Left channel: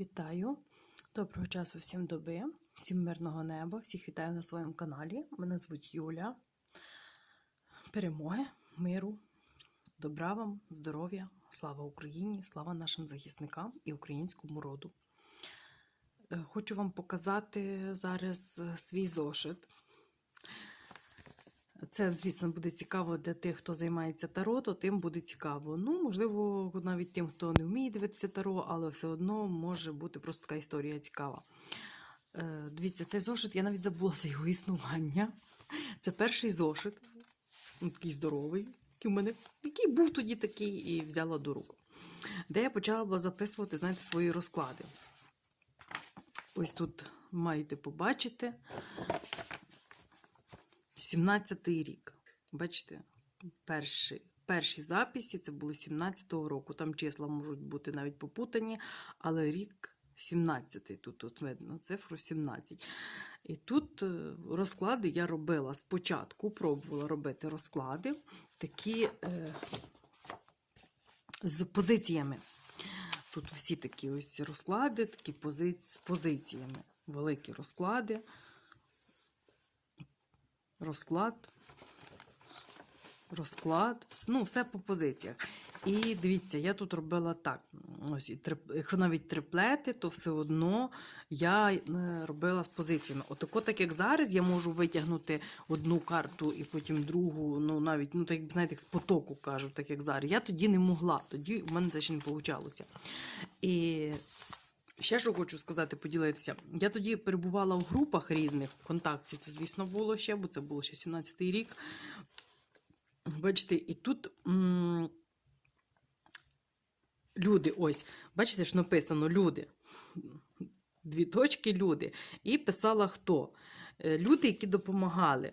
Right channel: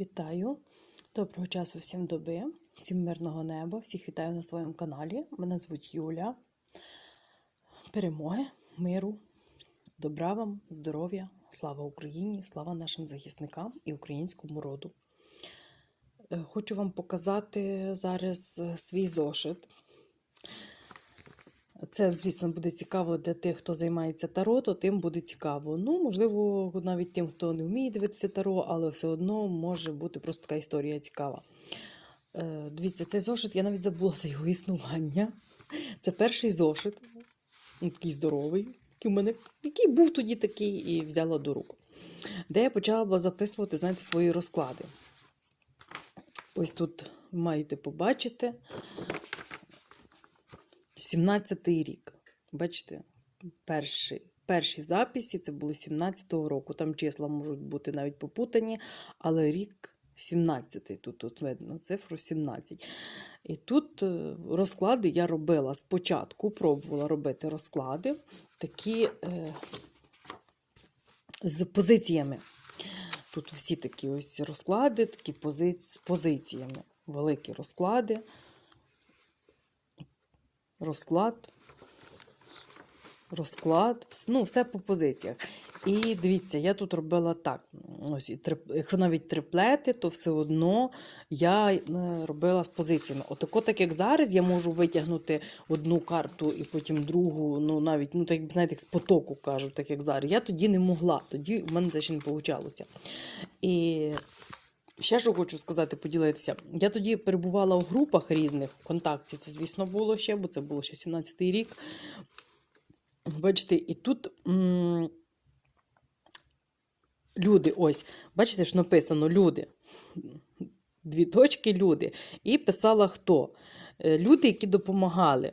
Вітаю! Доброго часу всім доби, всім мирного неба, всіх вітаю на своєму каналі. Мене звуть Юля. Перемоги, миру, добра вам, здоров'я, слава Україні, слава нашим захисникам і українському роду. Е, Хочу вам показати зараз свій зошит. Це, звісно, буде цікаво для тих, хто займається таро, то тим буде цікаво. Ну, можливо, навіть тим, хто не вміє дивитися таро, але все одно може бути просто така історія цікава. Е, дивіться, цей зошит, я навіть забула за його існування. Це перший зошит, ну, такий здоровий, який, у мене, який був тоді такий, і взяла до рук. Де я почала записувати, знаєте, свої розклади. Ось тут маєте побачити 17-й рік. Бачите, перші, перші записи це були 17-го року. Там числа можуть бути навіть попутані, але рік 17-й. Тут, тут видно цифру 17. І тут е, розклади я робила спочатку, пробувала робити розклади такі е, з позиціями. Тут всі такі ось розклади, такі пози... з позиціями. Великі розклади розклад, розклад, ну, все по позиціях. І дивіться, я тут робила так. Ось, якщо навіть триплети, то все одно я е, робила з позиціями. Отако, так як зараз, я можу витягнути одну карту і потім другу, ну навіть, ну так знаєте, як з потоку кажуть, так як зараз. Я тоді не могла, тоді в мене це ще не вийшло. І Ще що хочу сказати, поділитися. Я тоді перебувала у групах різних ВКонтакті. Це, звісно, було ще, бо це було ще 17-й рік. Бачите, і тут м- люди, ось, бачите, що написано люди. Дві точки люди. І писала хто? Е, Люди, які допомагали.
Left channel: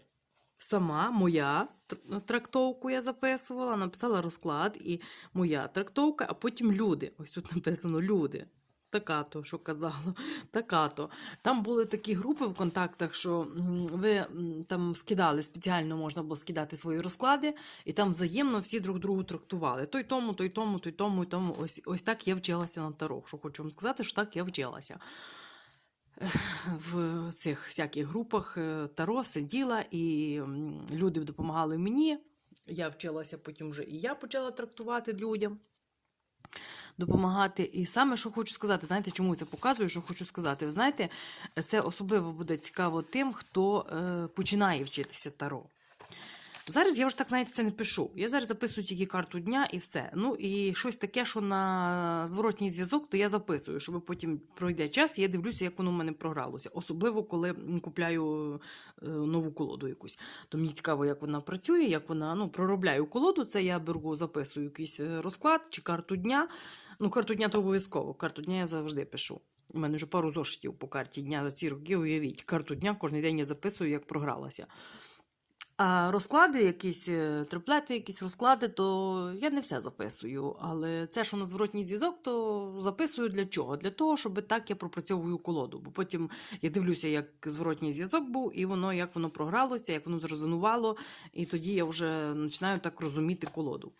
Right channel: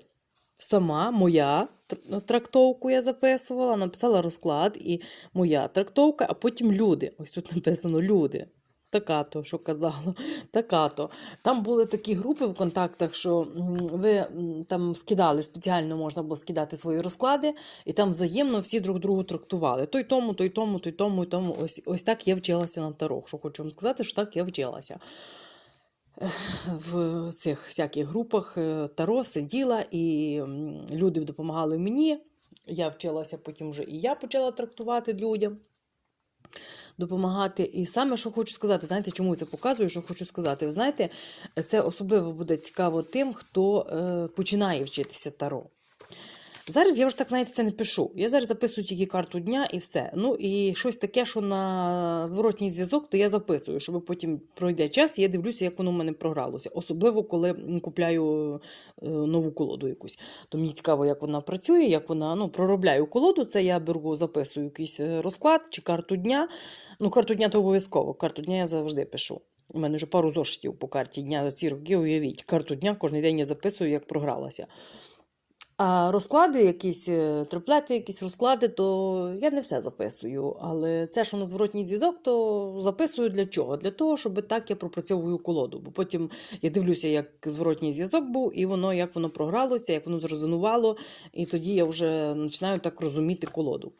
Сама моя тр- трактовку я записувала, написала розклад і моя трактовка, а потім люди. Ось тут написано люди. Така то, що казала, така то. Там були такі групи в контактах, що ви там скидали, спеціально можна було скидати свої розклади, і там взаємно всі друг другу трактували. Той тому, той тому, той тому, і тому. Ось, ось так я вчилася на таро. Що хочу вам сказати, що так я вчилася. В цих всяких групах е, таро сиділа, і люди допомагали мені. Я вчилася, потім вже і я почала трактувати людям допомагати. І саме, що хочу сказати, знаєте, чому це показую, що хочу сказати. Ви знаєте, це особливо буде цікаво тим, хто е, починає вчитися таро. Зараз я вже так, знаєте, це не пишу. Я зараз записую тільки карту дня і все. Ну і щось таке, що на зворотній зв'язок, то я записую, щоб потім пройде час, і я дивлюся, як воно в мене програлося. Особливо, коли купляю е, нову колоду якусь. То мені цікаво, як вона працює, як вона ну, проробляю колоду. Це я беру, записую якийсь е, розклад чи карту дня. Ну, карту дня то обов'язково. Карту дня я завжди пишу. У мене вже пару зошитів по карті дня за ці роки, уявіть. Карту дня кожен день я записую, як програлася. А розклади, якісь е, триплети, якісь розклади, то я не все записую. Але це, що на зворотній зв'язок, то записую для чого? Для того, щоб так я пропрацьовую колоду. Бо потім я дивлюся, як зворотній зв'язок був, і воно як воно програлося, як воно зрезонувало, і тоді я вже починаю так розуміти колоду.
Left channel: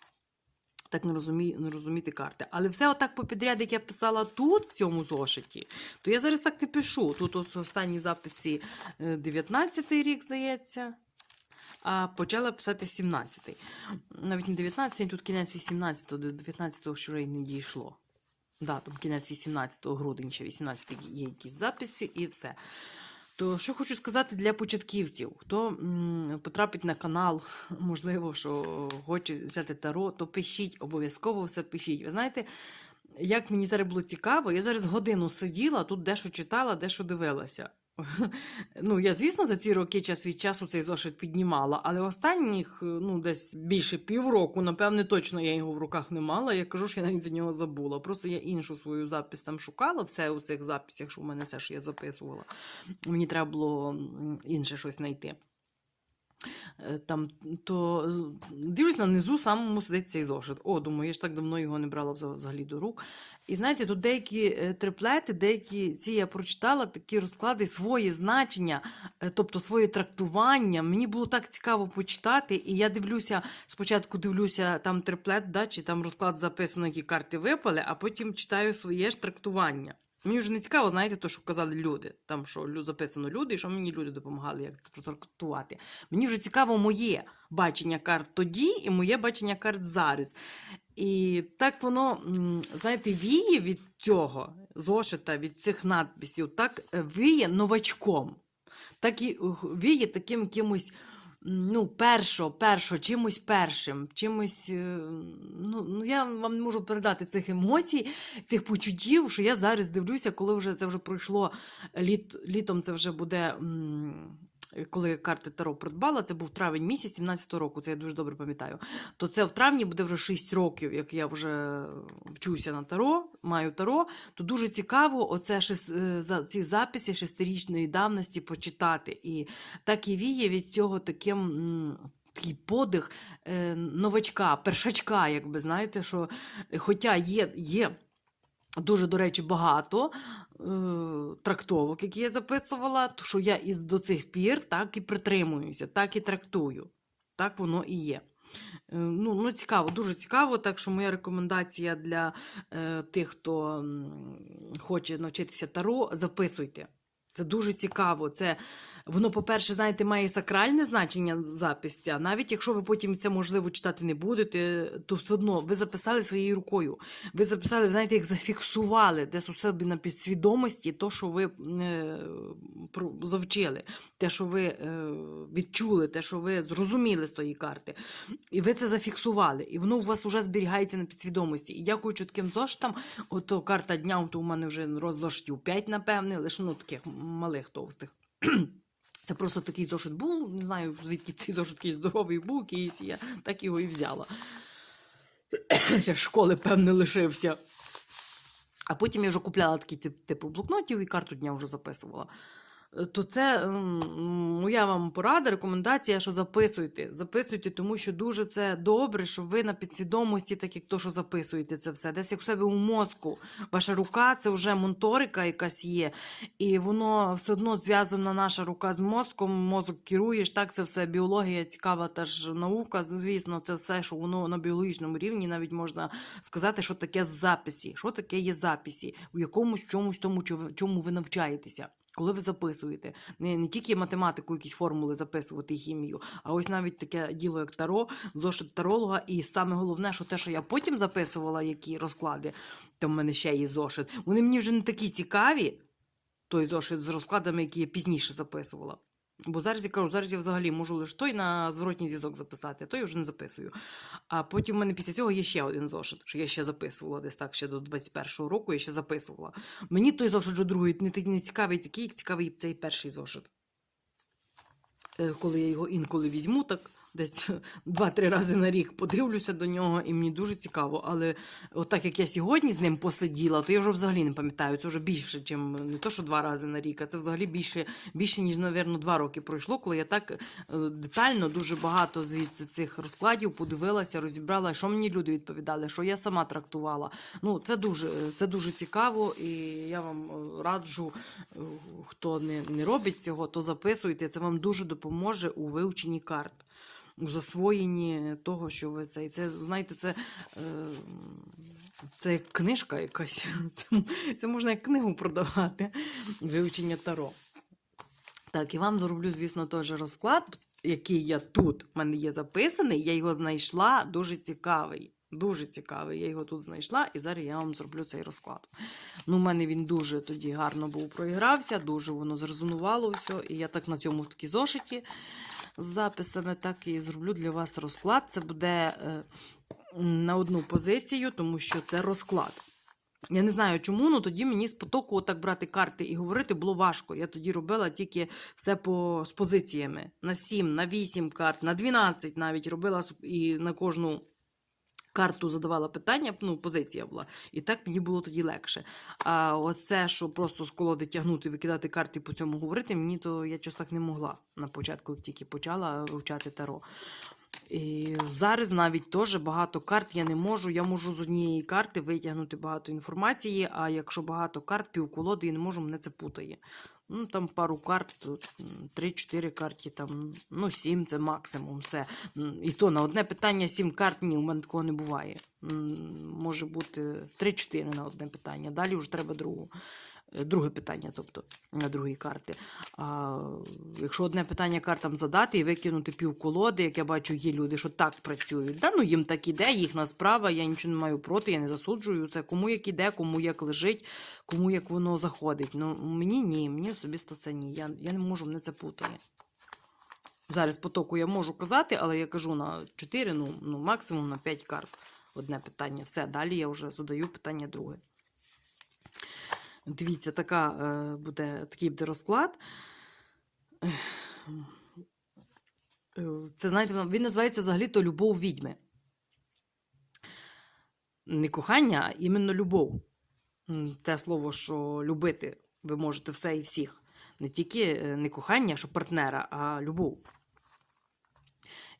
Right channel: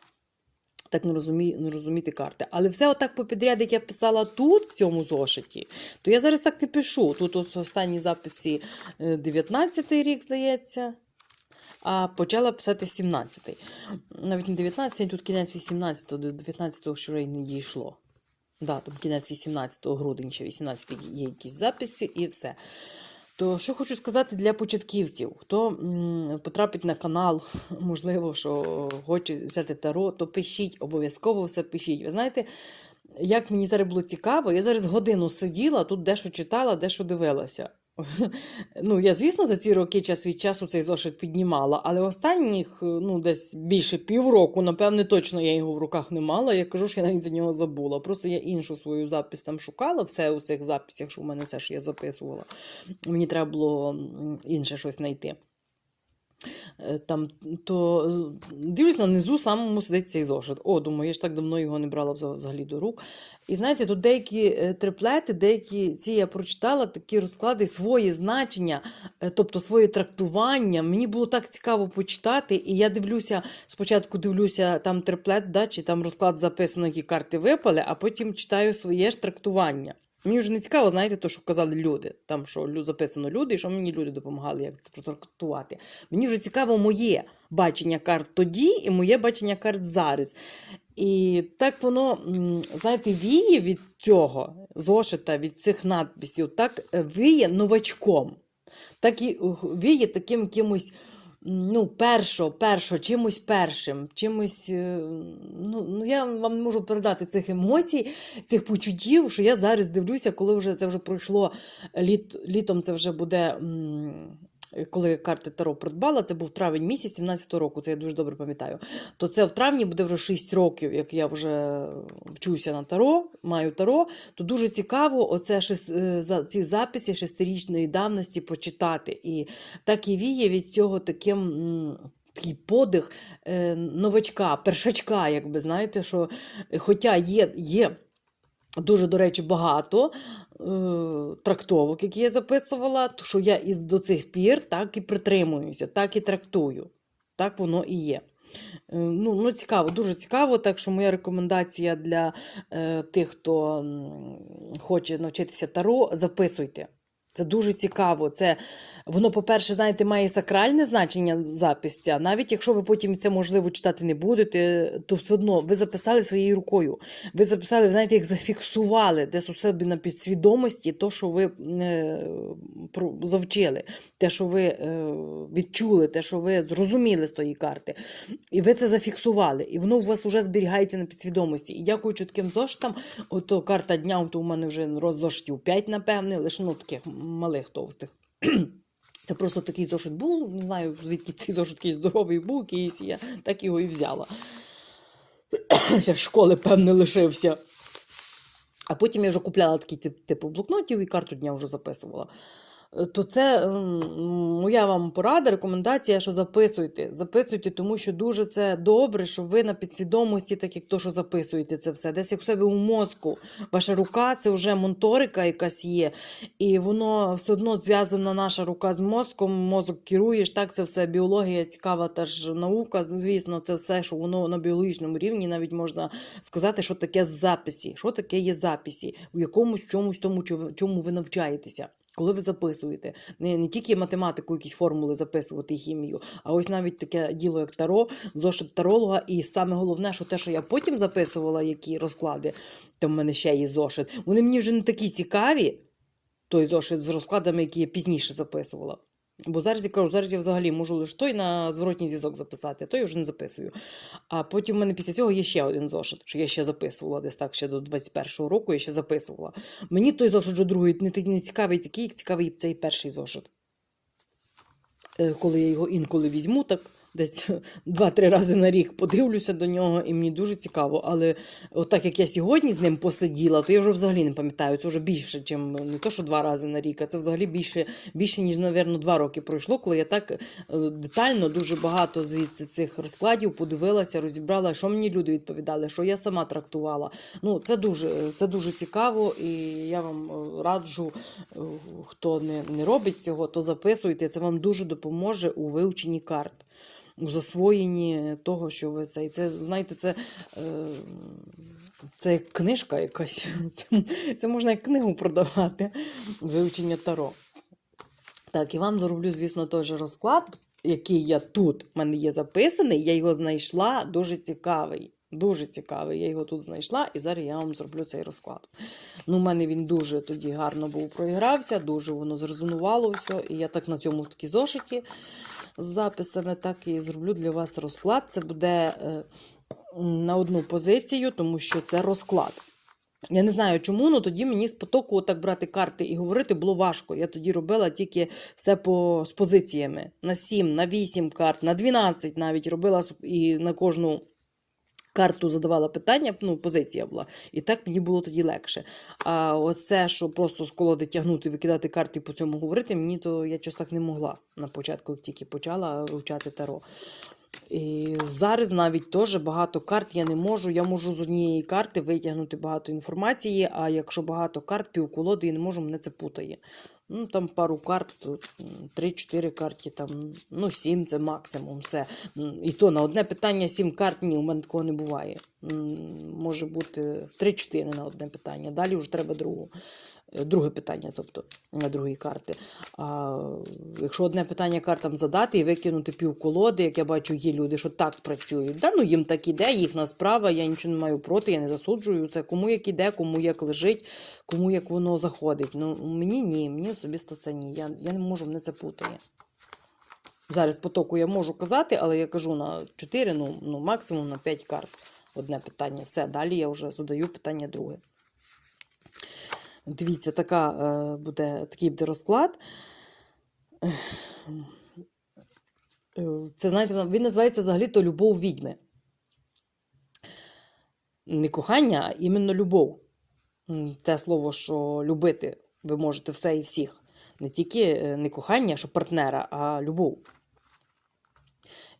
Так не, розумі, не розуміти карти. Але все отак по підряд, як я писала тут, в цьому зошиті, то я зараз так не пишу. Тут от останній записі 19-й рік, здається а почала писати 17-й. Навіть не 19-й, тут кінець 18-го, до 19-го ще й не дійшло. Да, там кінець 18 грудня, ще 18 є якісь записи і все. То що хочу сказати для початківців, хто потрапить на канал, можливо, що хоче взяти таро, то пишіть, обов'язково все пишіть. Ви знаєте, як мені зараз було цікаво, я зараз годину сиділа, тут дещо читала, дещо дивилася. Ну, я, звісно, за ці роки час від часу цей зошит піднімала, але останніх, ну, десь більше півроку, напевне, точно я його в руках не мала. Я кажу, що я навіть за нього забула. Просто я іншу свою запис там шукала, все у цих записях, що у мене все, що я записувала. Мені треба було інше щось знайти. Е, Там, то е, дивлюсь на низу самому сидить цей зошит. О, думаю, я ж так давно його не брала взагалі до рук. І знаєте, тут деякі е, триплети, деякі ці я прочитала, такі розклади, свої значення, тобто своє трактування. Мені було так цікаво почитати. І я дивлюся, спочатку дивлюся там триплет, да, чи там розклад записано, які карти випали, а потім читаю своє ж трактування. Мені вже не цікаво, знаєте, то, що казали люди. Там що записано люди, і що мені люди допомагали, як це протрактувати. Мені вже цікаво моє бачення карт тоді і моє бачення карт зараз. І так воно, знаєте, віє від цього зошита, від цих надписів, так е, віє новачком. Так і віє таким якимось. Ну, першо, першо, чимось першим, чимось. е, Ну, ну я вам не можу передати цих емоцій, цих почуттів, що я зараз дивлюся, коли вже це вже пройшло літ, літом, це вже буде. Коли карти Таро придбала, це був травень місяць 17-го року, це я дуже добре пам'ятаю. То це в травні буде вже 6 років, як я вже вчуся на Таро, маю Таро, то дуже цікаво оце е, ці записи шестирічної давності почитати. І так і віє від цього таким. Такий подих е, новачка, першачка, якби знаєте, що е, хоча є, є дуже, до речі, багато е, трактовок, які я записувала, що я із до цих пір так і притримуюся, так і трактую. Так воно і є. Е, Ну, ну, цікаво, дуже цікаво. Так що моя рекомендація для е, тих, хто хоче навчитися таро, записуйте. Це дуже цікаво. Це воно, по-перше, знаєте, має сакральне значення запис ця. Навіть якщо ви потім це можливо читати не будете, то все одно ви записали своєю рукою. Ви записали, знаєте, як зафіксували десь у себе на підсвідомості то, що ви е, завчили, те, що ви е, відчули, те, що ви зрозуміли з тої карти. І ви це зафіксували. І воно у вас вже зберігається на підсвідомості. І дякуючи таким зоштам, ото карта дня, то у мене вже роззоштів 5, напевне, лише ну, таких малих товстих. Це просто такий зошит був. Не знаю, звідки цей зошит такий здоровий був, якийсь, я так його і взяла. Ще школи, певне, лишився. А потім я вже купляла такий тип- типу блокнотів і карту дня вже записувала. То це моя вам порада, рекомендація, що записуйте. Записуйте, тому що дуже це добре, що ви на підсвідомості, так як то, що записуєте це все. Десь як у себе у мозку. Ваша рука це вже монторика якась є, і воно все одно зв'язана наша рука з мозком. Мозок керуєш, так це все біологія, цікава теж наука. Звісно, це все, що воно на біологічному рівні навіть можна сказати, що таке записі. Що таке є записі? В якомусь чомусь тому, чому ви навчаєтеся. Коли ви записуєте, не, не тільки математику, якісь формули записувати хімію, а ось навіть таке діло, як таро, зошит таролога. І саме головне, що те, що я потім записувала, які розклади, там в мене ще є зошит, вони мені вже не такі цікаві, той зошит з розкладами, які я пізніше записувала. Бо зараз я кажу, зараз я взагалі можу лише той на зворотній зв'язок записати, а той вже не записую. А потім в мене після цього є ще один зошит, що я ще записувала десь так, ще до 21-го року я ще записувала. Мені той зошит вже другий не, не цікавий такий, як цікавий цей перший зошит. Е, Коли я його інколи візьму, так десь два-три рази на рік подивлюся до нього, і мені дуже цікаво. Але от так як я сьогодні з ним посиділа, то я вже взагалі не пам'ятаю. Це вже більше, ніж не то, що два рази на рік, а це взагалі більше, більше ніж, мабуть, два роки пройшло, коли я так е, детально дуже багато звідси цих розкладів подивилася, розібрала, що мені люди відповідали, що я сама трактувала. Ну, це дуже, це дуже цікаво, і я вам е, раджу, хто не, не робить цього, то записуйте. Це вам дуже допоможе у вивченні карт. У засвоєнні того, що ви це. І це, знаєте, це, е, це як книжка якась. Це, це можна як книгу продавати. Вивчення таро. Так, і вам зроблю, звісно, же розклад, який я тут в мене є записаний. Я його знайшла, дуже цікавий. Дуже цікавий. Я його тут знайшла, і зараз я вам зроблю цей розклад. Ну, у мене він дуже тоді гарно був проігрався, дуже воно зрезонувало все. І я так на цьому такі зошиті з записами, так і зроблю для вас розклад. Це буде е, на одну позицію, тому що це розклад. Я не знаю чому, але тоді мені з потоку так брати карти і говорити було важко. Я тоді робила тільки все по, з позиціями. На 7, на 8 карт, на 12 навіть робила і на кожну карту задавала питання, ну, позиція була. І так мені було тоді легше. А оце, що просто з колоди тягнути, викидати карти і по цьому говорити, мені то я щось так не могла на початку, як тільки почала вивчати таро. І зараз навіть теж багато карт я не можу. Я можу з однієї карти витягнути багато інформації, а якщо багато карт, півколоди я не можу, мене це путає. Ну, там пару карт, тут, м, 3-4 карті, там, ну, 7 це максимум. Все. І то на одне питання 7 карт, ні, у мене такого не буває. Може бути 3-4 на одне питання. Далі вже треба другу. е, Друге питання, тобто на другій карти. А якщо одне питання картам задати і викинути пів колоди, як я бачу, є люди, що так працюють. Да, ну їм так іде, їхня справа, я нічого не маю проти, я не засуджую це. Кому як іде, кому як лежить, кому як воно заходить. Ну мені ні, мені особисто це ні. Я, я не можу, мене це путає. Зараз потоку я можу казати, але я кажу на 4, ну, ну максимум на 5 карт. Одне питання. Все, далі я вже задаю питання друге. Дивіться, така, е, буде, такий буде розклад. Це, знаєте, він називається взагалі-то любов відьми. Не кохання, а іменно любов. Те слово, що любити ви можете все і всіх. Не тільки е, не кохання, що партнера, а любов.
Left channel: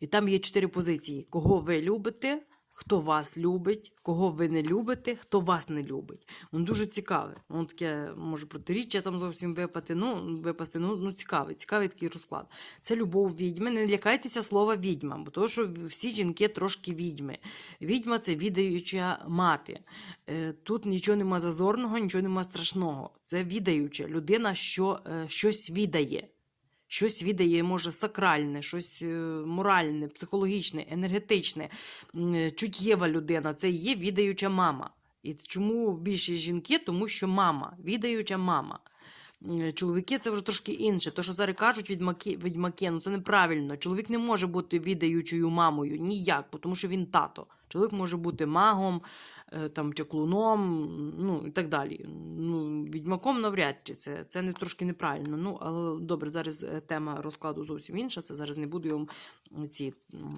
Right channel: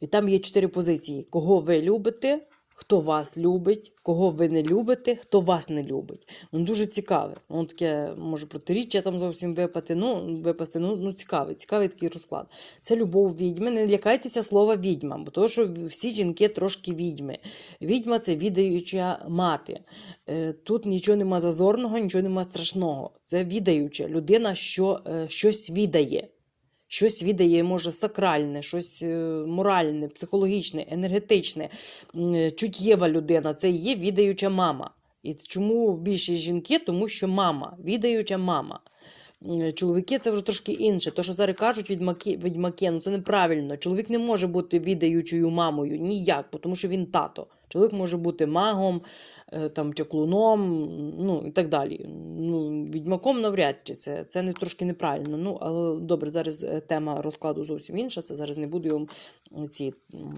І там є чотири позиції: кого ви любите, хто вас любить, кого ви не любите, хто вас не любить. Воно дуже цікаве. Воно таке може протиріччя там зовсім випати. Ну, випасти. Ну, ну цікавий, цікавий такий розклад. Це любов відьми. Не лякайтеся слова відьма, бо то, що всі жінки трошки відьми. Відьма це відаюча мати. Е, Тут нічого нема зазорного, нічого нема страшного. Це відаюча людина, що е, щось відає. Щось віддає, може, сакральне, щось е, моральне, психологічне, енергетичне, е, чуттєва людина. Це є відаюча мама. І чому більше жінки? Тому що мама, відаюча мама. Чоловіки це вже трошки інше. То, що зараз кажуть відьмаки, відьмаки, ну це неправильно. Чоловік не може бути відаючою мамою ніяк, тому що він тато. Чоловік може бути магом, е, там, чаклуном, ну і так далі. Ну, відьмаком навряд чи це, це не трошки неправильно. Ну, але добре, зараз е, тема розкладу зовсім інша. Це зараз не буду вам ці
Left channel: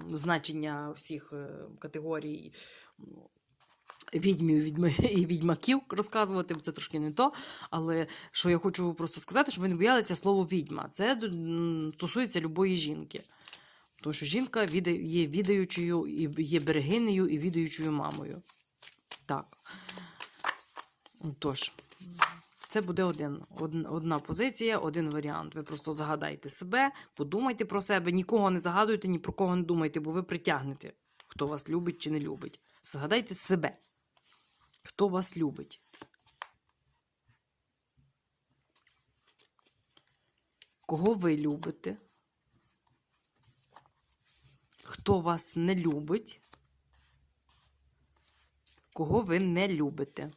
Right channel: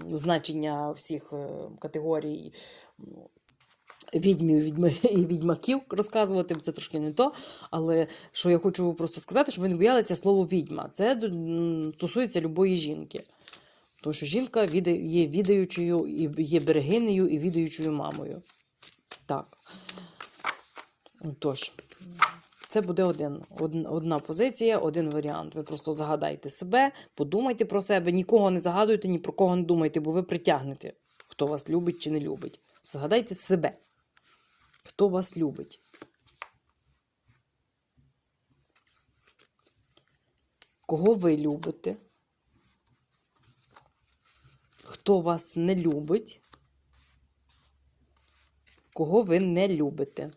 значення всіх е, категорій. Відьмів відьми, і відьмаків розказувати, це трошки не то. Але що я хочу просто сказати, щоб ви не боялися слово відьма. Це стосується любої жінки. Тому що жінка є відаючою, і є берегинею і відаючою мамою. Так. Тож, це буде один, одна позиція, один варіант. Ви просто загадайте себе, подумайте про себе, нікого не загадуйте, ні про кого не думайте, бо ви притягнете, хто вас любить чи не любить. Загадайте себе, хто вас любить. Кого ви любите? Хто вас не любить? Кого ви не любите?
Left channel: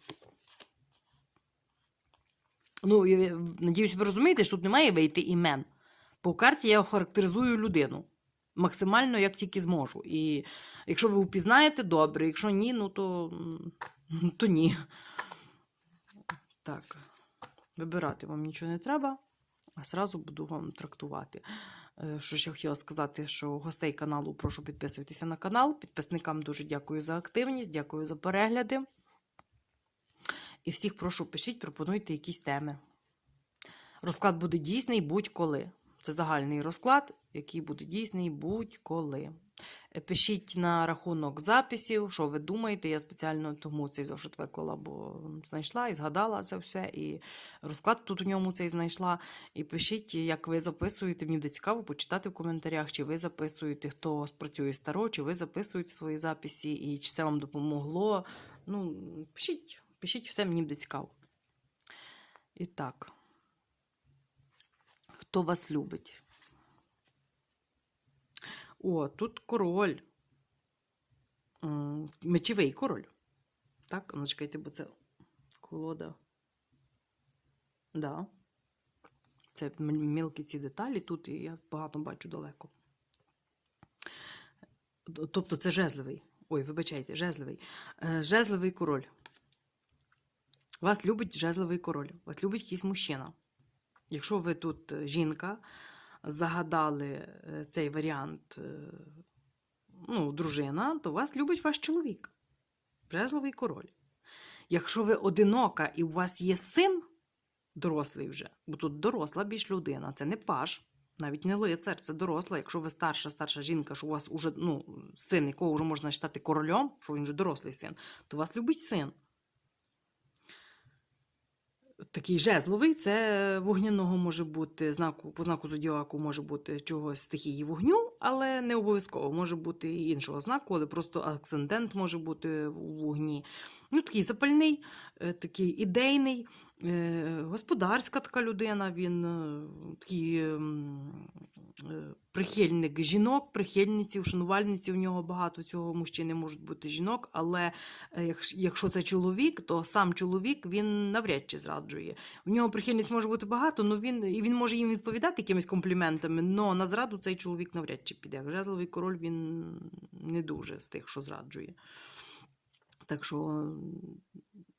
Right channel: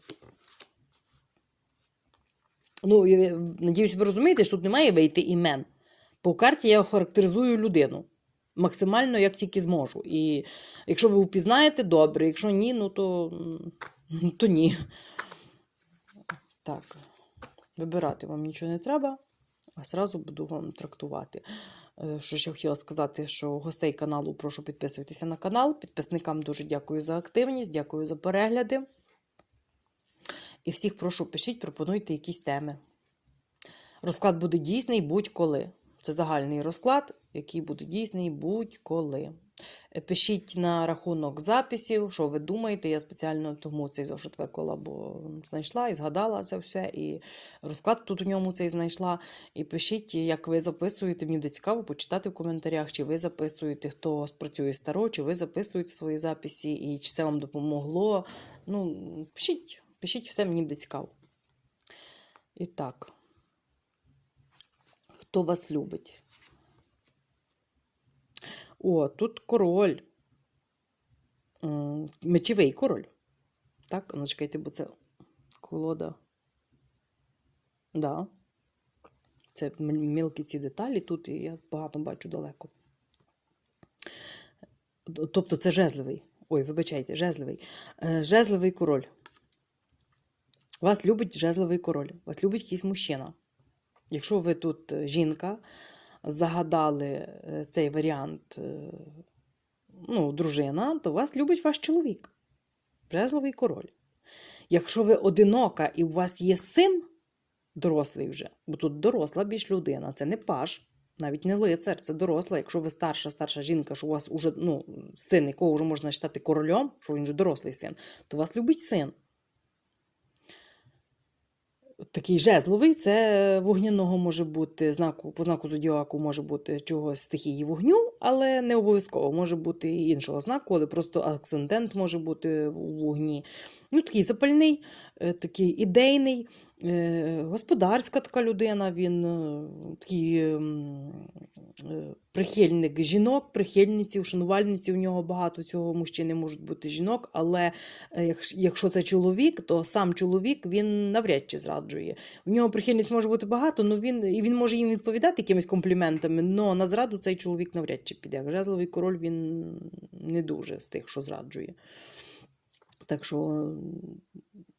Ну, я надіюсь, ви розумієте, що тут немає вийти імен. По карті я характеризую людину максимально, як тільки зможу. І якщо ви впізнаєте, добре, якщо ні, ну то, то ні. Так, вибирати вам нічого не треба, а зразу буду вам трактувати. Е, Що ще хотіла сказати, що гостей каналу прошу підписуйтеся на канал. Підписникам дуже дякую за активність, дякую за перегляди. І всіх прошу, пишіть, пропонуйте якісь теми. Розклад буде дійсний будь-коли. Це загальний розклад, який буде дійсний будь-коли. Е, Пишіть на рахунок записів, що ви думаєте. Я спеціально тому цей зошит виклала, бо знайшла і згадала це все. І розклад тут у ньому цей знайшла. І пишіть, як ви записуєте. Мені буде цікаво почитати в коментарях, чи ви записуєте, хто спрацює старо, чи ви записуєте свої записи, і чи це вам допомогло. Ну, пишіть, пишіть все, мені буде цікаво. І так. Хто вас любить? О, тут король. Мечовий король. Так, ну чекайте, бо це колода. Да. Це мілкі ці деталі тут, я багато бачу далеко. Тобто це жезливий. Ой, вибачайте, жезливий. Е, Жезливий король. Вас любить жезливий король. Вас любить якийсь мужчина. Якщо ви тут е, жінка, загадали е, цей варіант, е, ну, дружина, то вас любить ваш чоловік. Жезловий король. Якщо ви одинока і у вас є син, дорослий вже, бо тут доросла більш людина, це не паш, навіть не лицар, це доросла. Якщо ви старша, старша жінка, що у вас уже, ну, син, якого вже можна вважати королем, що він вже дорослий син, то вас любить син. Такий жезловий, це вогняного може бути знаку, по знаку зодіаку може бути чогось стихії вогню, але не обов'язково може бути іншого знаку, але просто акцендент може бути в вогні. Ну, такий запальний, е, такий ідейний, е, господарська така людина, він е, такий ем, е, прихильник жінок, прихильниці, шанувальниці у нього багато цього мужчини можуть бути жінок, але е, якщо- це чоловік, то сам чоловік він навряд чи зраджує. У нього прихильниць може бути багато, но він, і він може їм відповідати якимись компліментами, але на зраду цей чоловік навряд чи піде. Жезловий король він не дуже з тих, що зраджує. Так що,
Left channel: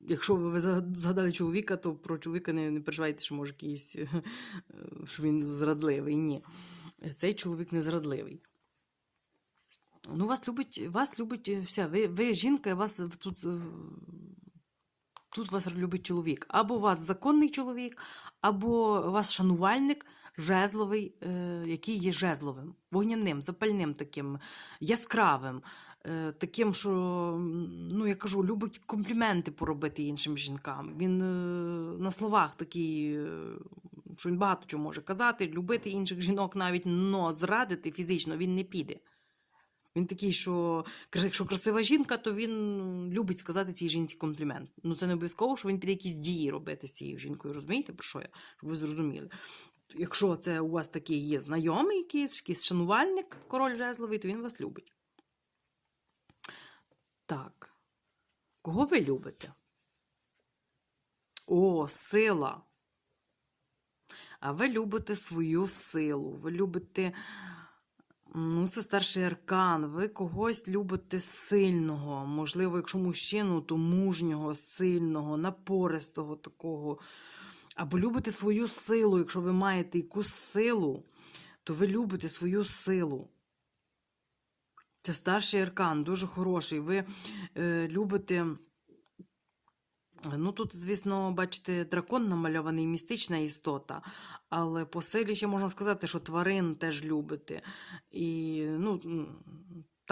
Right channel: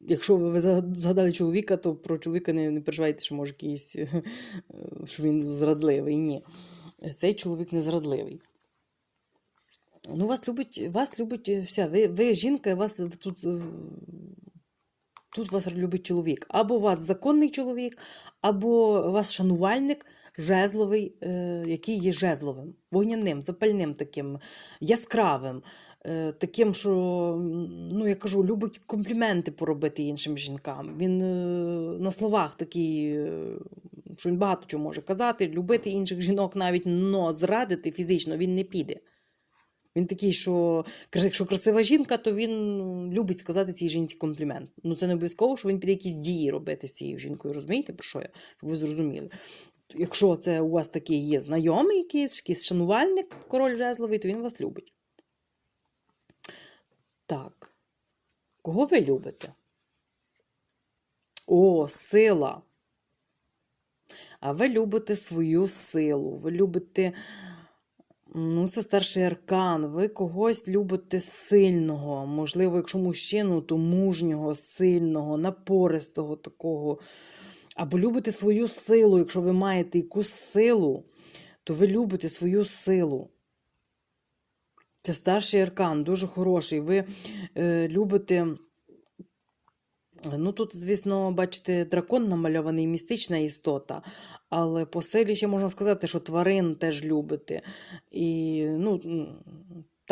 якщо ви згадали чоловіка, то про чоловіка не, не переживайте, що може якийсь, е, що він зрадливий. Ні. Цей чоловік не зрадливий. Ну, вас любить, вас любить е, вся. Ви, ви жінка, вас тут, е, тут вас любить чоловік. Або вас законний чоловік, або вас шанувальник, жезловий, який є жезловим, вогняним, запальним таким, яскравим. Е, Таким, що, ну я кажу, любить компліменти поробити іншим жінкам. Він е, на словах такий, е, що він багато чого може казати, любити інших жінок навіть, но зрадити фізично він не піде. Він такий, що якщо красива жінка, то він любить сказати цій жінці комплімент. Ну це не обов'язково, що він піде якісь дії робити з цією жінкою. Розумієте, про що я? Щоб ви зрозуміли. Якщо це у вас такий є знайомий якийсь, якийсь шанувальник, король жезловий, то він вас любить. Так. Кого ви любите? О, сила. А ви любите свою силу. Ви любите. Ну, це старший аркан. Ви когось любите сильного. Можливо, якщо мужчину, то мужнього, сильного, напористого такого. Або любите свою силу. Якщо ви маєте якусь силу, то ви любите свою силу. Це старший аркан, дуже хороший. Ви е, любите. Ну, тут, звісно, бачите, дракон намальований, містична істота, але по силі ще можна сказати, що тварин теж любите. І, ну,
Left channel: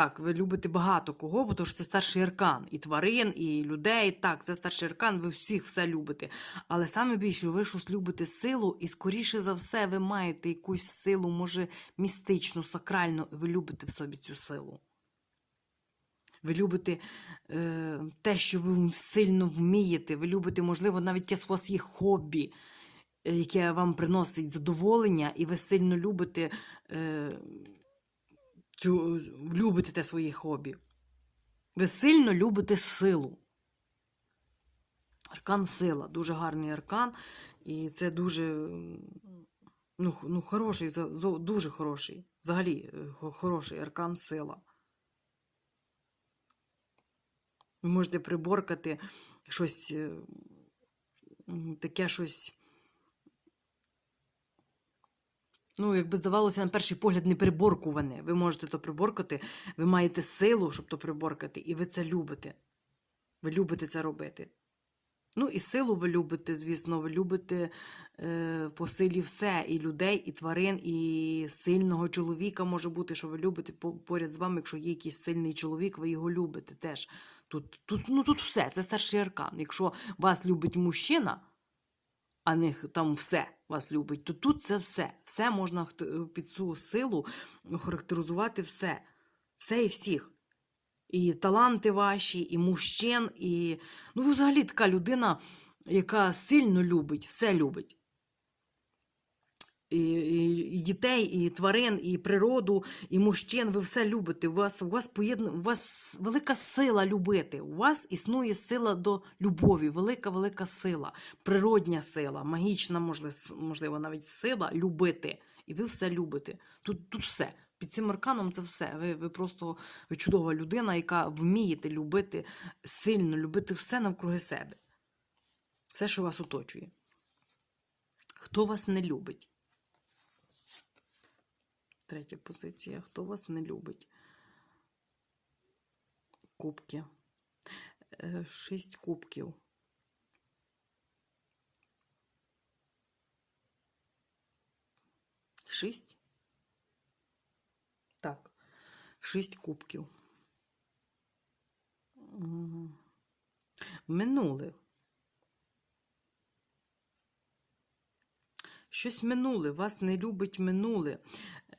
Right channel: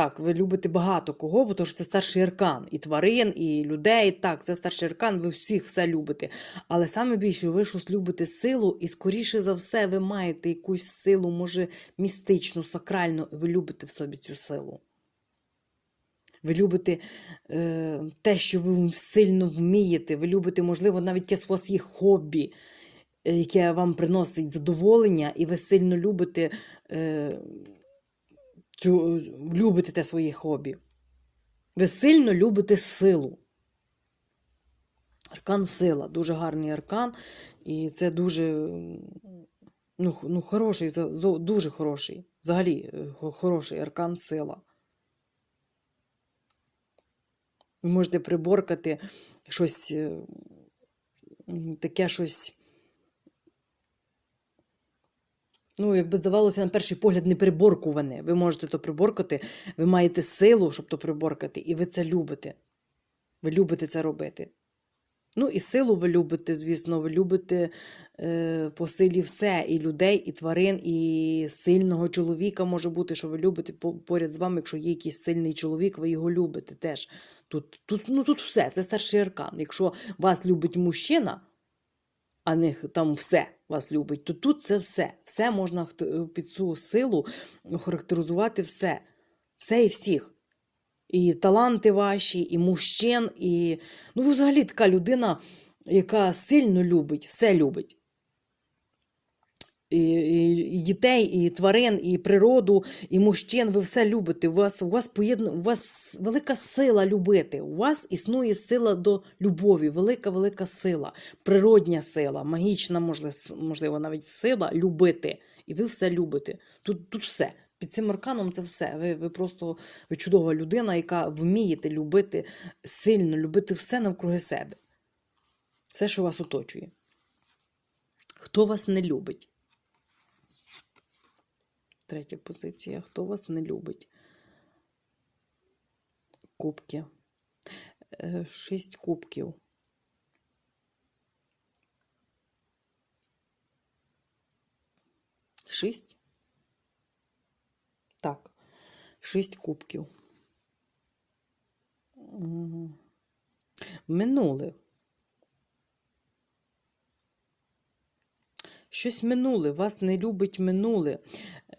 так, ви любите багато кого, бо це старший аркан. І тварин, і людей. Так, це старший аркан, ви всіх все любите. Але саме більше ви щось любите силу, і скоріше за все, ви маєте якусь силу, може, містичну, сакральну, і ви любите в собі цю силу. Ви любите е, те, що ви сильно вмієте. Ви любите, можливо, навіть те у хобі, е, яке вам приносить задоволення, і ви сильно любите, е, цю, любите те своє хобі. Ви сильно любите силу. Аркан сила, дуже гарний аркан, і це дуже ну, ну, хороший, дуже хороший. Взагалі, е, хороший аркан сила. Ви можете приборкати щось е, таке щось. Ну, якби здавалося, на перший погляд, не приборкуване. Ви можете то приборкати, ви маєте силу, щоб то приборкати, і ви це любите. Ви любите це робити. Ну, і силу ви любите, звісно, ви любите е, по силі все, і людей, і тварин, і сильного чоловіка може бути, що ви любите поряд з вами, якщо є якийсь сильний чоловік, ви його любите теж. Тут, тут, ну, тут все, це старший аркан. Якщо вас любить мужчина, а не там все вас любить, то тут це все. Все можна під цю силу характеризувати все. Все і всіх. І таланти ваші, і мужчин, і. Ну, взагалі така людина, яка сильно любить, все любить. І, дітей, і тварин, і природу, і мужчин. Ви все любите. У вас, у вас поєдна... у вас велика сила любити. У вас існує сила до любові, велика, велика сила, природня сила, магічна, можливо, навіть сила любити. І ви все любите. Тут, тут все. Під цим арканом це все. Ви, ви просто ви чудова людина, яка вмієте любити сильно, любити все навкруги себе. Все, що вас оточує. Хто вас не любить? Третя позиція. Хто вас не любить? Кубки. Е, Шість кубків. Шість? Так. Шість кубків. Минуле. Щось минуле, вас не любить минуле.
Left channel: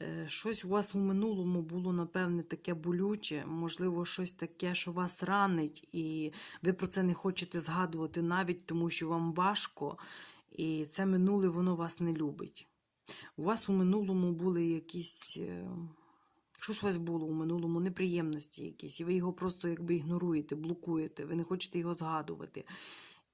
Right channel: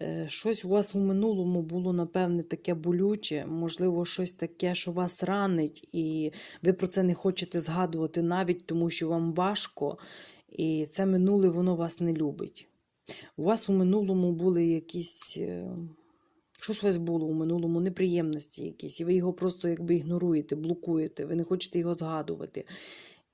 Е, Щось у вас у минулому було, напевне, таке болюче, можливо, щось таке, що вас ранить, і ви про це не хочете згадувати навіть тому, що вам важко, і це минуле воно вас не любить. У вас у минулому були якісь. е, Щось у вас було у минулому, неприємності якісь, і ви його просто якби ігноруєте, блокуєте, ви не хочете його згадувати.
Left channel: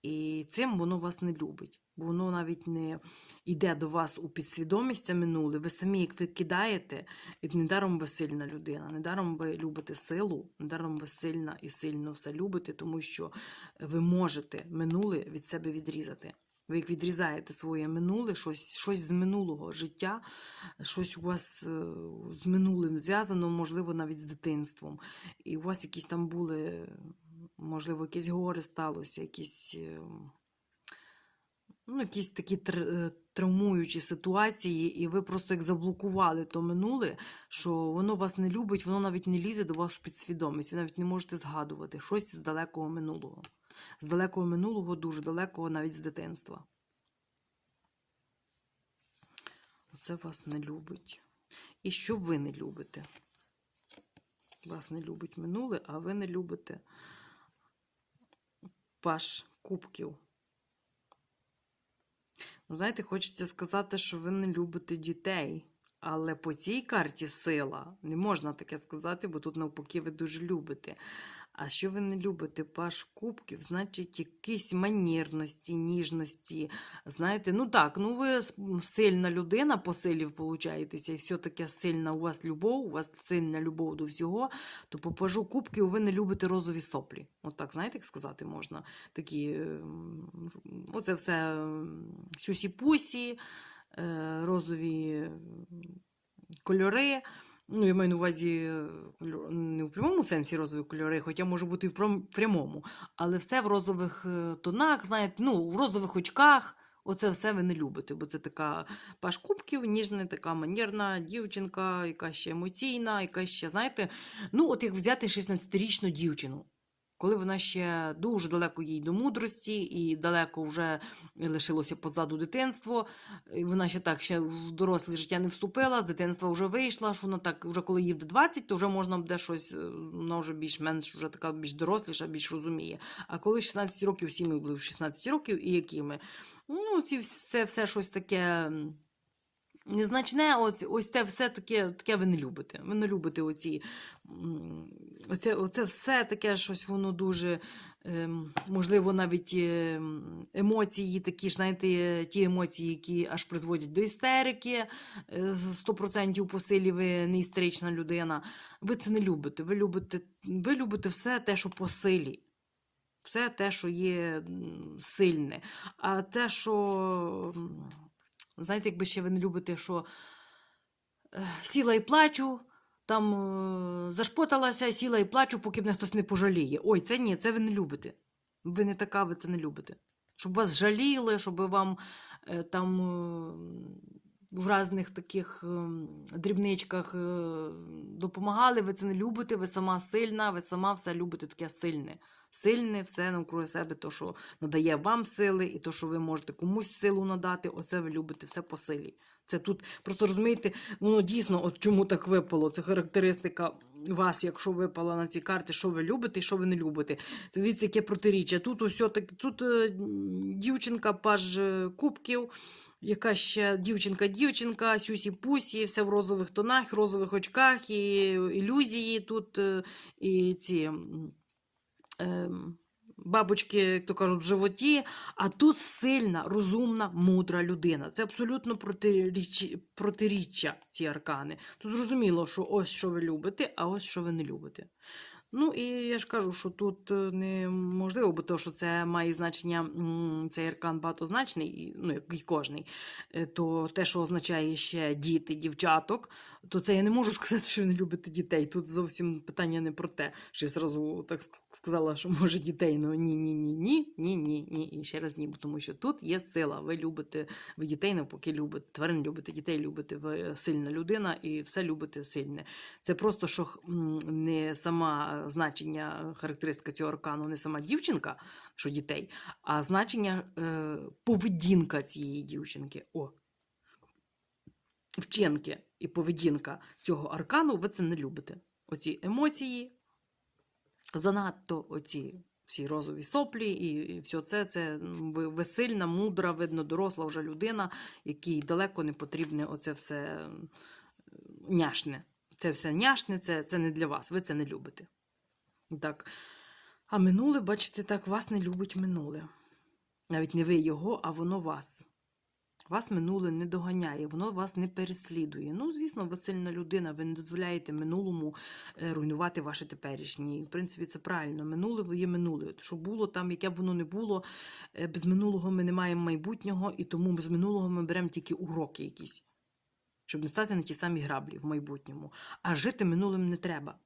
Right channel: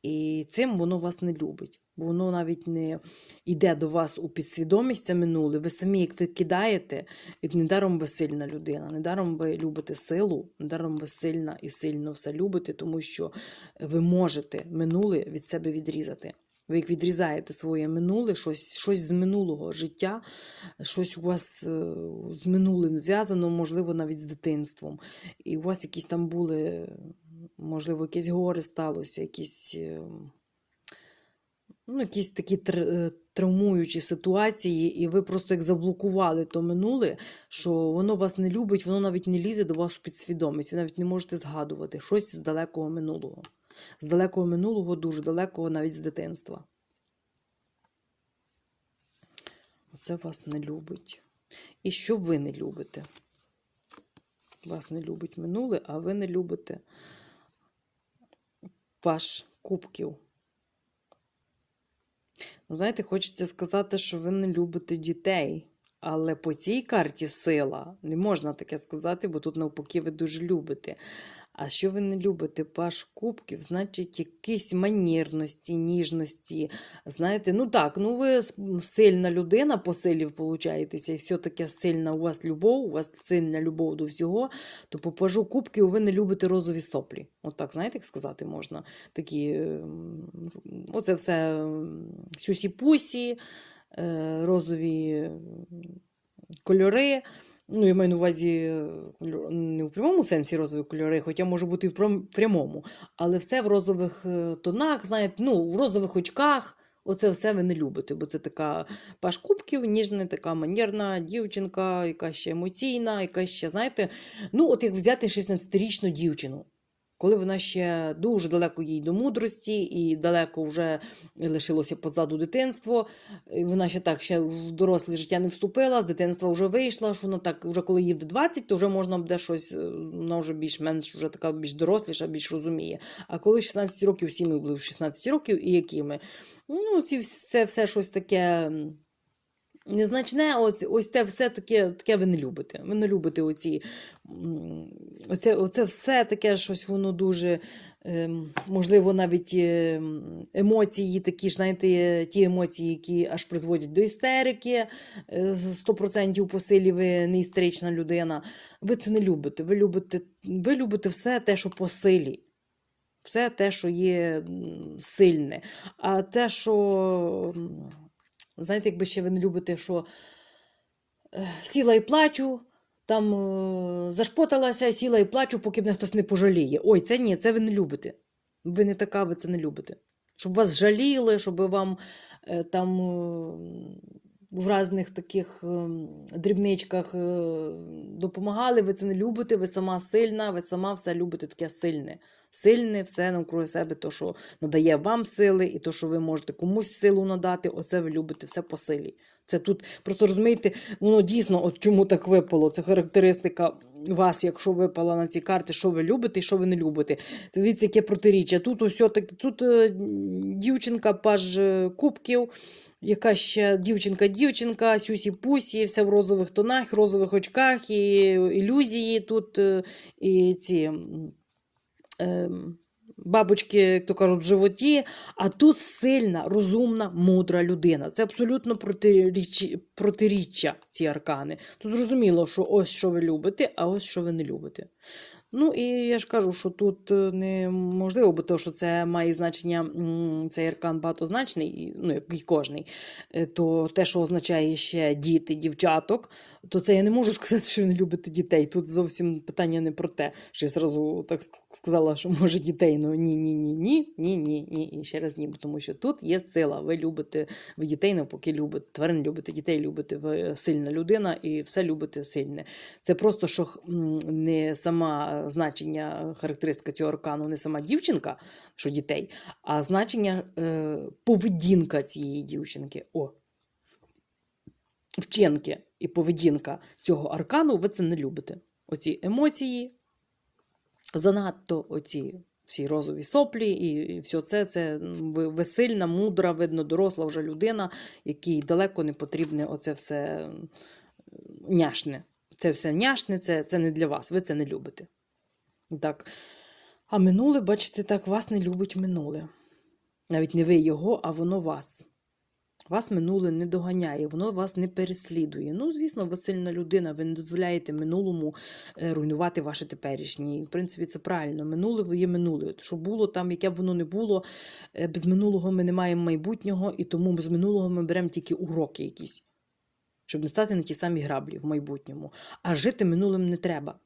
І цим воно вас не любить, воно навіть не йде до вас у підсвідомість це минуле. Ви самі, як ви кидаєте, і недаром ви сильна людина, недаром ви любите силу, недаром ви сильна і сильно все любите, тому що ви можете минуле від себе відрізати. Ви як відрізаєте своє минуле, щось, щось з минулого життя, щось у вас е, з минулим зв'язано, можливо, навіть з дитинством. І у вас якісь там були, можливо, якесь горе сталося, якісь, е, ну, якісь такі е, травмуючі ситуації, і ви просто як заблокували то минуле, що воно вас не любить, воно навіть не лізе до вас в підсвідомість. Ви навіть не можете згадувати щось з далекого минулого. З далекого минулого, дуже далекого, навіть з дитинства. Оце вас не любить. І що ви не любите? Вас не любить минуле, а ви не любите паш кубків. Ну, знаєте, хочеться сказати, що ви не любите дітей. Але по цій карті сила не можна таке сказати, бо тут навпаки ви дуже любите. А що ви не любите паш кубків, значить, якісь манірності, ніжності. Знаєте, ну так, ну ви сильна людина по силі получаєтеся, і все таке сильна у вас любов, у вас сильна любов до всього, то по пажу кубків ви не любите розові соплі. Отак, знаєте, як сказати можна? Такі, ем, оце все ем, сюсі-пусі, е, розові ем, кольори. Ну, я маю на увазі е, не в прямому сенсі розові кольори, хоча може бути і в прямому, але все в розових е, тонах, знаєте, ну, в розових очках. Оце все ви не любите, бо це така паш кубків, ніжна, така манірна дівчинка, яка ще емоційна, яка ще, знаєте, ну, от як взяти 16-річну дівчину, коли вона ще дуже далеко їй до мудрості, і далеко вже лишилося позаду дитинство, вона ще так ще в доросле життя не вступила, з дитинства вже вийшла, що вона так, вже коли їй в 20, то вже можна буде щось, е, вона вже більш-менш вже така більш доросліша, більш розуміє. А коли 16 років, всі ми були в 16 років, і які ми? Ну, ці, це все щось таке. Незначне, ось, ось те все таке, таке ви не любите. Ви не любите оці, оце, оце все таке щось воно дуже, ем, можливо, навіть ем, емоції, такі ж, знаєте, е, ті емоції, які аж призводять до істерики, е, 100% по силі ви не істерична людина. Ви це не любите. Ви любите, ви любите все те, що по силі. Все те, що є сильне. А те, що. Знаєте, якби ще ви не любите, що е, сіла і плачу, там е, зашпоталася, сіла і плачу, поки мене хтось не пожаліє. Ой, це ні, це ви не любите. Ви не така, ви це не любите. Щоб вас жаліли, щоб вам е, там в різних таких дрібничках допомагали, ви це не любите, ви сама сильна, ви сама все любите таке сильне. Сильне, все навкруги себе, то, що надає вам сили, і то, що ви можете комусь силу надати, оце ви любите все по силі. Це тут, просто розумієте, воно дійсно, от чому так випало. Це характеристика вас, якщо випала на ці карти, що ви любите і що ви не любите. Дивіться, яке протиріччя. Тут усе таки, тут е, дівчинка, паж е, кубків. Яка ще дівчинка-дівчинка, сюсі-пусі, все в розових тонах, розових очках, і ілюзії тут, е, і ці бабочки, як то кажуть, в животі. А тут сильна, розумна, мудра людина. Це абсолютно протиріччя ці аркани. Тут зрозуміло, що ось що ви любите, а ось що ви не любите. Ну і я ж кажу, що тут е, неможливо, бо то, що це має значення, цей аркан багатозначний, ну, як і кожний, е, то те, що означає ще діти, дівчаток, то це я не можу сказати, що ви не любите дітей. Тут зовсім питання не про те, що я зразу так сказала, що може дітей. Ну ні, ні, ні, ні, ні, ні, ні. І ще раз ні, тому що тут є сила. Ви любите, ви дітей навпаки любите, тварин любите, дітей любите, ви сильна людина і все любите сильне. Це просто що не сама значення, характеристика цього аркану, не сама дівчинка, що дітей, а значення е, поведінка цієї дівчинки. О, вчинки і поведінка цього аркану, ви це не любите. Оці емоції, занадто оці всі розові соплі, і, все це, це ви, ви сильна, мудра, видно, доросла вже людина, якій далеко не потрібне оце все няшне. Це все няшне, це, це не для вас, ви це не любите. Так. А минуле, бачите, так, вас не любить минуле. Навіть не ви його, а воно вас. Вас минуле не доганяє, воно вас не переслідує. Ну, звісно, ви сильна людина, ви не дозволяєте минулому е, руйнувати ваше теперішнє. І, в принципі, це правильно. Минуле ви є минуле. Що було там, яке б воно не було, е, без минулого ми не маємо майбутнього, і тому з минулого ми беремо тільки уроки якісь, щоб не стати на ті самі граблі в майбутньому. А жити минулим не треба.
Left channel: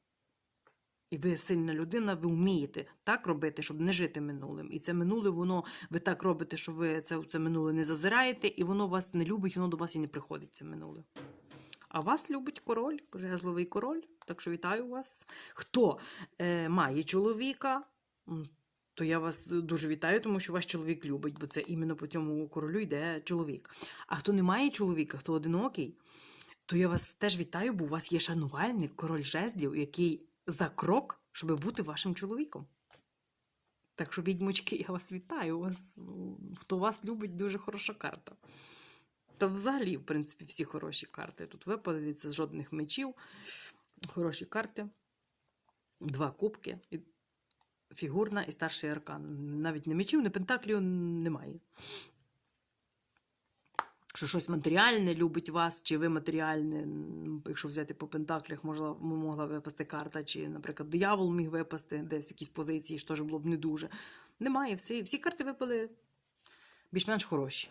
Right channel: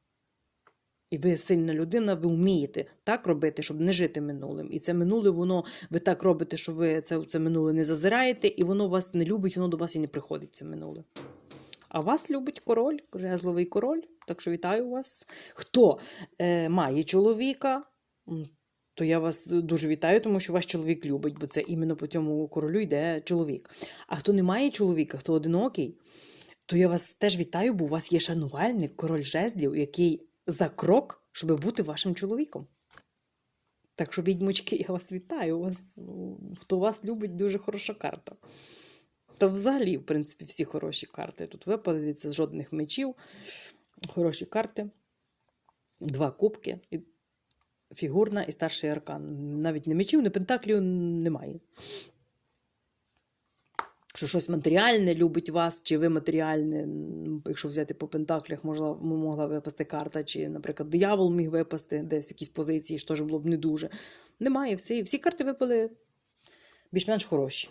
І ви сильна людина, ви вмієте так робити, щоб не жити минулим. І це минуле, воно ви так робите, що ви це, це минуле не зазираєте, і воно вас не любить, воно до вас і не приходить, це минуле. А вас любить король, жезловий король. Так що вітаю вас. Хто е, має чоловіка, то я вас дуже вітаю, тому що ваш чоловік любить, бо це іменно по цьому королю йде чоловік. А хто не має чоловіка, хто одинокий, то я вас теж вітаю, бо у вас є шанувальник, король жезлів, який за крок, щоб бути вашим чоловіком. Так що, відьмочки, я вас вітаю. Вас, ну, хто вас любить, дуже хороша карта. Та взагалі, в принципі, всі хороші карти. Тут випали з жодних мечів. Хороші карти. Два кубки. Фігурна і старший аркан. Навіть не мечів, не пентаклів немає. Що щось матеріальне любить вас, чи ви матеріальне, якщо взяти по пентаклях, можла, могла випасти карта, чи, наприклад, диявол міг випасти десь в якісь позиції, що ж було б не дуже. Немає, всі, всі карти випали більш-менш хороші.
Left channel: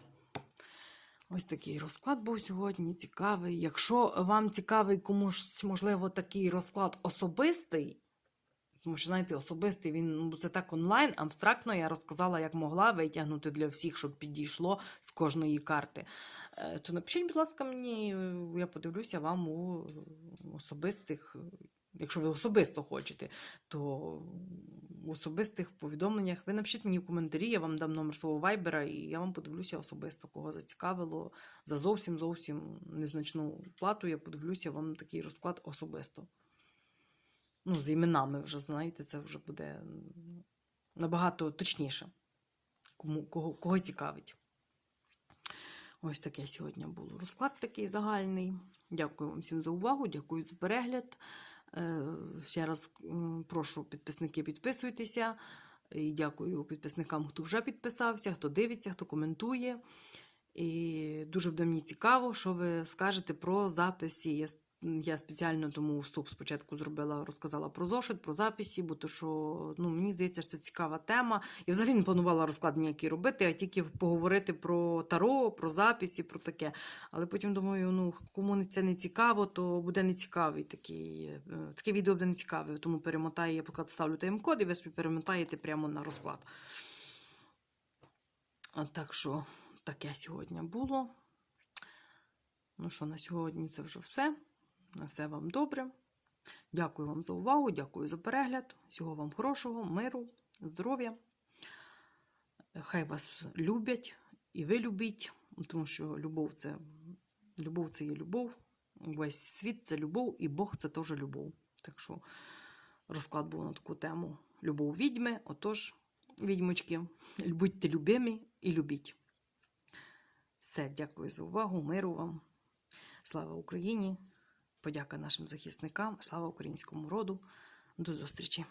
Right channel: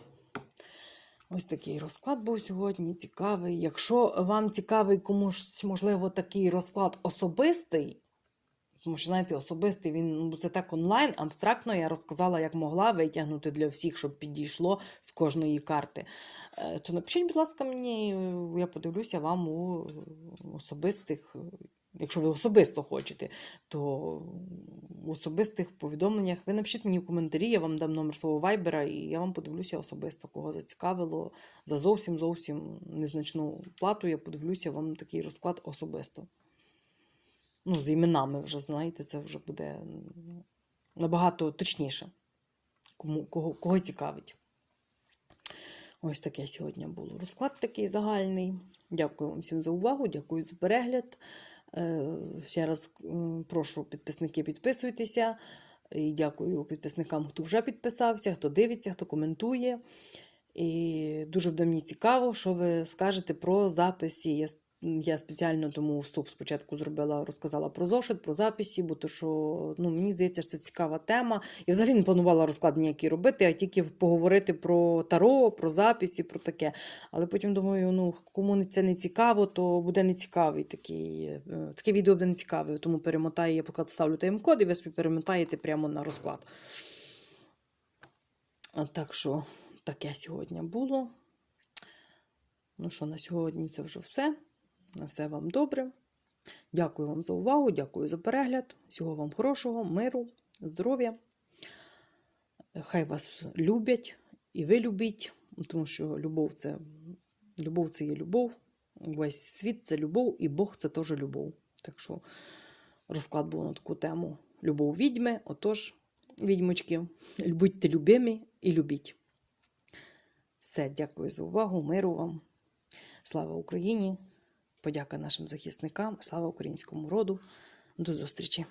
Ось такий розклад був сьогодні. Цікавий. Якщо вам цікавий комусь, можливо, такий розклад особистий, тому що, знаєте, особистий він ну, це так онлайн, абстрактно я розказала, як могла витягнути для всіх, щоб підійшло з кожної карти. Е, То напишіть, будь ласка, мені, я подивлюся вам у особистих, якщо ви особисто хочете, то в особистих повідомленнях ви напишіть мені в коментарі, я вам дам номер свого вайбера, і я вам подивлюся особисто, кого зацікавило. За зовсім зовсім незначну плату я подивлюся вам такий розклад особисто. Ну, з іменами вже, знаєте, це вже буде набагато точніше, кому, кого, кого цікавить. Ось таке сьогодні було. Розклад такий загальний. Дякую вам всім за увагу, дякую за перегляд. Е, Ще раз прошу підписники підписуйтеся. І дякую підписникам, хто вже підписався, хто дивиться, хто коментує. І дуже буде мені цікаво, що ви скажете про записи. Я, спеціально тому вступ спочатку зробила, розказала про зошит, про записи, бо то що ну, мені здається, що це цікава тема. Я взагалі не планувала розклад ніякий робити, а тільки поговорити про таро, про записи, про таке. Але потім думаю, ну кому це не цікаво, то буде нецікавий такий. е, Таке відео буде нецікаве, тому перемотаю, я поки ставлю тайм-код, і ви собі перемотаєте прямо на розклад. А Так що таке сьогодні було. Ну що, на сьогодні це вже все. На все вам добре. Дякую вам за увагу, дякую за перегляд. Всього вам хорошого, миру, здоров'я. Хай вас люблять і ви любіть, тому що любов це, любов це є любов. Весь світ це любов, і Бог це теж любов. Так що розклад був на таку тему любов відьми. Отож, відьмочки, будьте любимі і любіть. Все, дякую за увагу, миру вам. Слава Україні! Подяка нашим захисникам, слава українському роду. До зустрічі!